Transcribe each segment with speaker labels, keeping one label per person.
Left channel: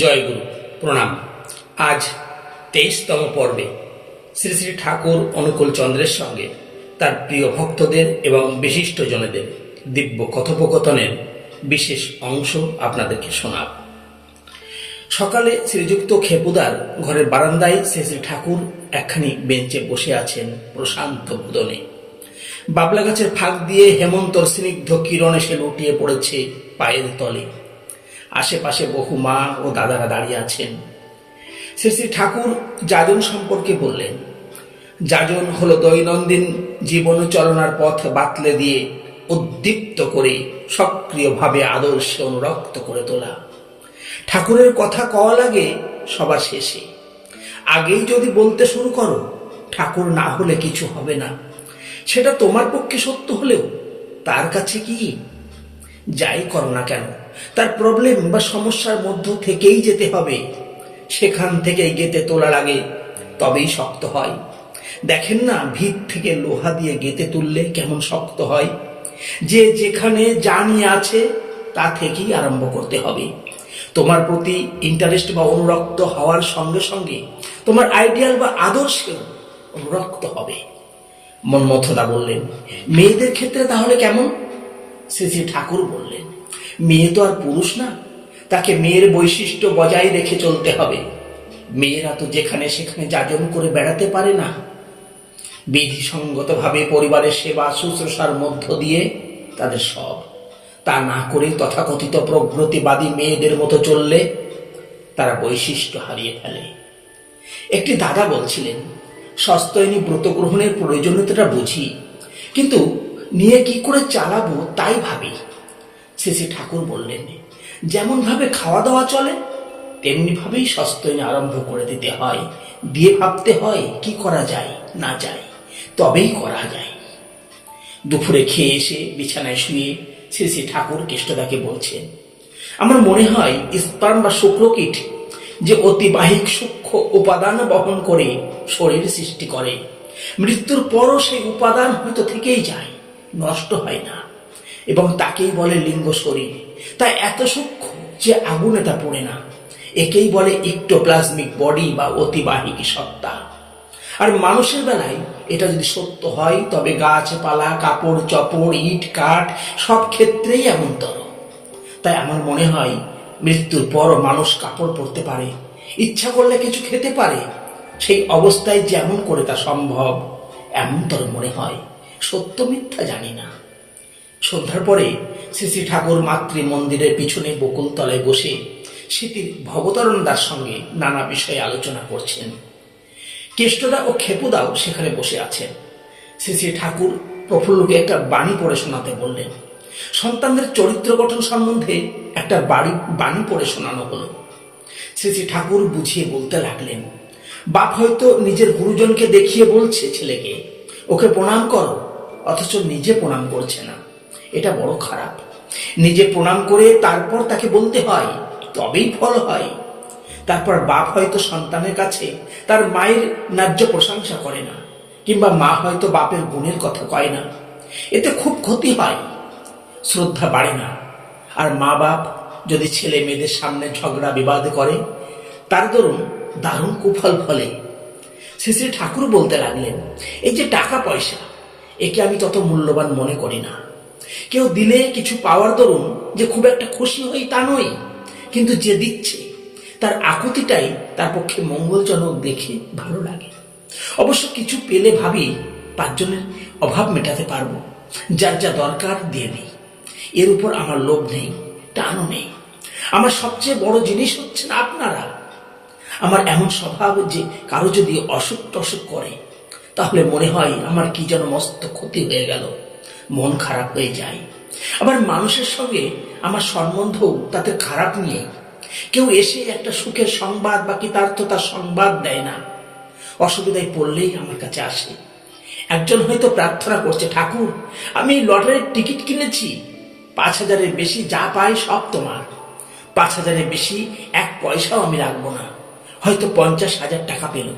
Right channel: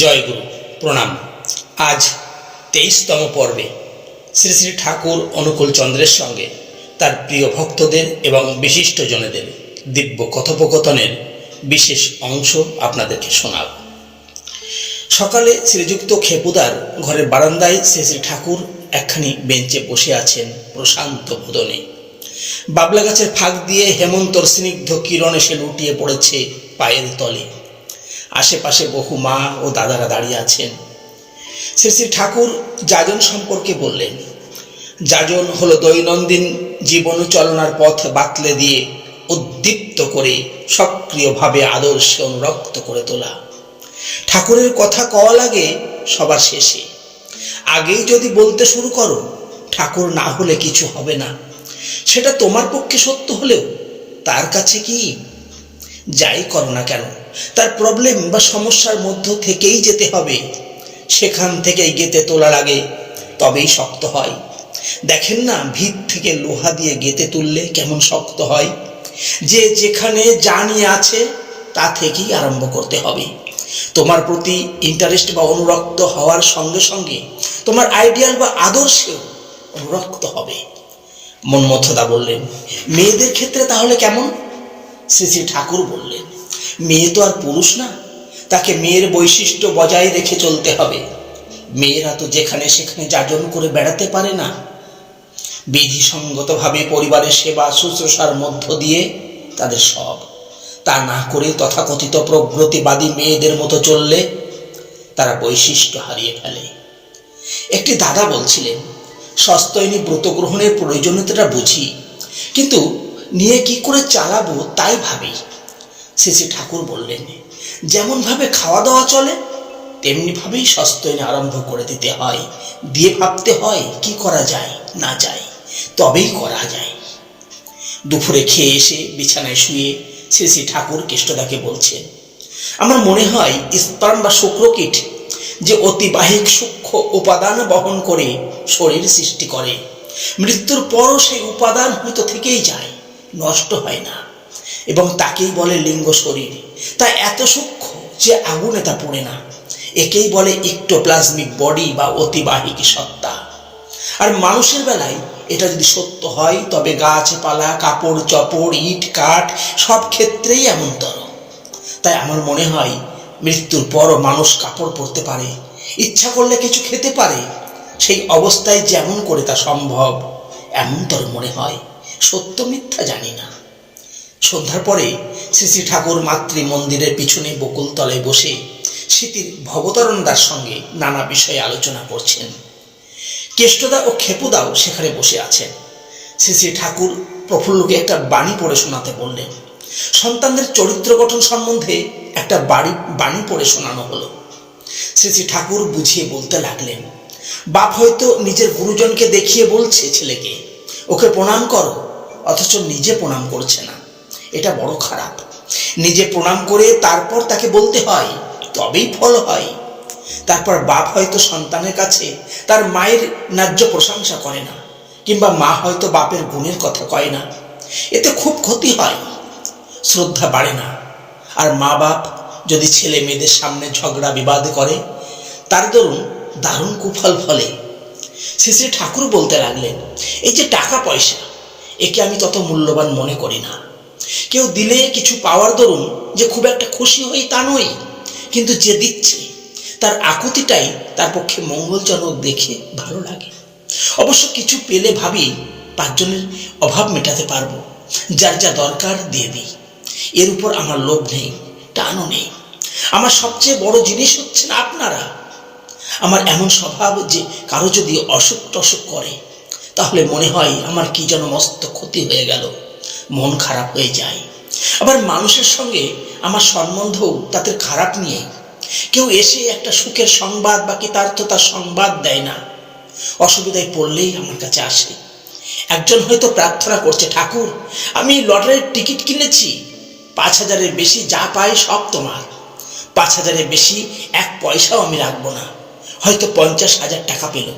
Speaker 1: জয়গুরু, প্রণাম। আজ তেইশতম পর্বে শ্রী শ্রী ঠাকুর অনুকূল চন্দ্রের সঙ্গে তার প্রিয় ভক্তদের এবং বিশিষ্টজনেদের দিব্য কথোপকথনের বিশেষ অংশ আপনাদেরকে শোনাব। সকালে শ্রীযুক্ত খেপুদার ঘরের বারান্দায় শ্রী শ্রী ঠাকুর একখানি বেঞ্চে বসে আছেন প্রশান্ত বোদনে বাবলা গাছের ফাঁক দিয়ে হেমন্তর স্নিগ্ধ কিরণ এসে লুটিয়ে পড়েছে পায়ের তলে। আশেপাশে বহু মা ও দাদারা দাঁড়িয়ে আছেন। শ্রী শ্রী ঠাকুর যাজন সম্পর্কে বললেন, যাজন হলো দৈনন্দিন জীবন চলনার পথ বাতলে দিয়ে উদ্দীপ্ত করে সক্রিয়ভাবে আদর্শে অনুরক্ত করে তোলা। ঠাকুরের কথা কওয়া লাগে সবার শেষে, আগেই যদি বলতে শুরু করো, ঠাকুর না হলে কিছু হবে না। সেটা তোমার পক্ষে সত্য হলেও তার কাছে কি? যাই করো না কেন, তার প্রবলেম বা সমস্যার মধ্য থেকেই যেতে হবে। সেখান থেকেই গেতে তোলা লাগে, তবেই শক্ত হয়। দেখেন না, ভিত থেকে লোহা দিয়ে গেতে তুললে কেমন শক্ত হয়? যে যেখানে যা নিয়ে আছে, তা থেকেই আরম্ভ করতে হবে। তোমার প্রতি ইন্টারেস্ট বা অনুরক্ত হওয়ার সঙ্গে সঙ্গে তোমার আইডিয়াল বা আদর্শেও অনুরক্ত হবে। মনমথদা বললেন, মেয়েদের ক্ষেত্রে তাহলে কেমন? শ্রী ঠাকুর বললেন, মেয়ে তো আর পুরুষ না, তাকে মেয়ের বৈশিষ্ট্য বজায় রেখে চলতে হবে। মেয়েরা তো যেখানে সেখানে যাজন করে বেড়াতে পারে না। বিধিসঙ্গতভাবে পরিবারের সেবা শুশ্রূষার মধ্য দিয়ে তাদের সব। তা না করে তথাকথিত প্রগতিবাদী মেয়েদের মতো চললে তারা বৈশিষ্ট্য হারিয়ে ফেলে। একটি দাদা বলছিলেন, সস্তয়নী ব্রত গ্রহণের প্রয়োজনীয়তাটা বুঝি, কিন্তু নিয়ে কি করে চালাবো তাই ভাবি। শেষে ঠাকুর বললেন যেমনভাবে খাওয়া দাওয়া চলে তেমনিভাবেই সস্তয়নী আরম্ভ করে দিতে হয়। দিয়ে ভাবতে হয় কি করা যায়, না যায়, তবেই করা যায়। দুপুরে খেয়ে এসে বিছানায় শুয়ে শ্রী শ্রী ঠাকুর কেষ্টদাকে বলছেন, আমার মনে হয় স্পার্ম বা শুক্রকীট যে অতিবাহিক সূক্ষ্ম উপাদান বহন করে শরীর সৃষ্টি করে, মৃত্যুর পরও সেই উপাদান হয়তো থেকেই যায়। নষ্ট হয় না। এবং তাকেই বলে লিঙ্গ শরীর। তা এত সূক্ষ্ম যে আগুনে তা পড়ে না। একেই বলে ইক্টোপ্লাজমিক বডি বা অতিবাহিক সত্তা। আর মানুষের বেলায় এটা যদি সত্য হয়, তবে গাছপালা, কাপড়, চপড়, ইট, কাঠ সব ক্ষেত্রেই এমনতর। তাই আমার মনে হয়, মৃত্যুর পরও মানুষ কাপড় পরতে পারে, ইচ্ছা করলে কিছু খেতে পারে, সেই অবস্থায় যেমন করে তা সম্ভব, এমনতর মনে হয়। সত্য মিথ্যা জানি না। সন্ধ্যার পরে শ্রী ঠাকুর মাতৃ মন্দিরের পিছনে বকুলতলায় বসে স্মৃতির ভবতারণদার সঙ্গে নানা বিষয়ে আলোচনা করছেন। কেষ্টদা ও খেপুদাও সেখানে বসে আছেন। শ্রী শ্রী ঠাকুর প্রফুল্লকে একটা বাণী পড়ে শোনাতে বললেন, সন্তানদের চরিত্র গঠন সম্বন্ধে একটা বাড়ি, বাণী পড়ে শোনানো হলো। শ্রী শ্রী ঠাকুর বুঝিয়ে বলতে লাগলেন, বাপ হয়তো নিজের গুরুজনকে দেখিয়ে বলছে ছেলেকে। ওকে প্রণাম করো, অথচ নিজে প্রণাম করছে না। এটা বড় খারাপ। নিজে প্রণাম করে তারপর তাকে বলতে হয়, তবেই ফল হয়। তারপর বাপ হয়তো সন্তানের কাছে তার মায়ের ন্যায্য প্রশংসা করে না, কিংবা মা হয়তো বাপের গুণের কথা কয় না। এতে খুব ক্ষতি হয়, শ্রদ্ধা বাড়ে না। আর মা বাপ যদি ছেলে মেয়েদের সামনে ঝগড়া বিবাদ করে, তার দরুন দারুণ কুফল ফলে। শ্রী শ্রী ঠাকুর বলতে লাগলেন, এই যে টাকা পয়সা, একে আমি তত মূল্যবান মনে করি না। কেউ দিলে কিছু পাওয়ার দরুন যে খুব একটা খুশি হই তা নই, কিন্তু যে দিচ্ছে, তার আকুতিটাই তার পক্ষে মঙ্গলজনক দেখে ভালো লাগে। অবশ্য কিছু পেলে ভাবি পাঁচজনের অভাব মেটাতে পারব, যার যা দরকার দিয়ে দিই। এর উপর আমার লোভ নেই, টানও নেই। আমার সবচেয়ে বড় জিনিস হচ্ছেন আপনারা আমার এমন স্বভাব যে কারও যদি অসুখ টসুখ করে, তাহলে মনে হয় আমার কি যেন মস্ত ক্ষতি হয়ে গেল, মন খারাপ হয়ে যায়। আবার মানুষের সঙ্গে আমার সম্বন্ধও তাদের খারাপ নিয়ে। কেউ এসে একটা সুখের সংবাদ বা কৃতার্থতার সংবাদ দেয় না। অসুবিধায় পড়লেই আমার কাছে আসে। একজন হয়তো প্রার্থনা করছে, ঠাকুর, আমি লটারির টিকিট কিনেছি, পাঁচ হাজারের বেশি যা পাই সব তোমার। পাঁচ হাজারের বেশি এক পয়সাও আমি রাখব না। হয়তো পঞ্চাশ হাজার টাকা পেল।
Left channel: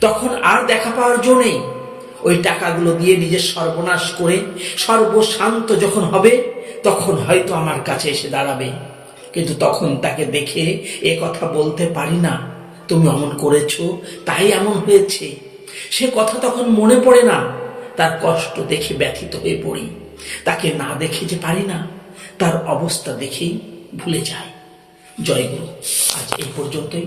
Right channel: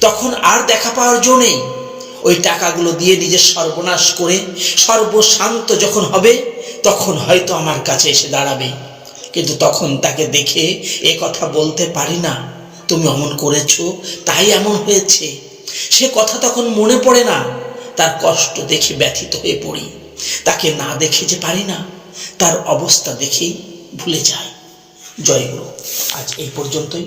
Speaker 1: তখন আর দেখা পাওয়ার জো নেই। ওই টাকাগুলো দিয়ে নিজের সর্বনাশ করে, সর্বশান্ত যখন হবে, তখন হয়তো আমার কাছে এসে দাঁড়াবে। কিন্তু তখন তাকে দেখে এ কথা বলতে পারি না। তুমি অমন করেছ, তাই এমন হয়েছে। সে কথা তখন মনে পড়ে না। তার কষ্ট দেখে ব্যথিত হয়ে পড়ি। তাকে না দেখে যে পারি না, তার অবস্থা দেখেই ভুলে যায় জয়গুরু আজ এই পর্যন্তই।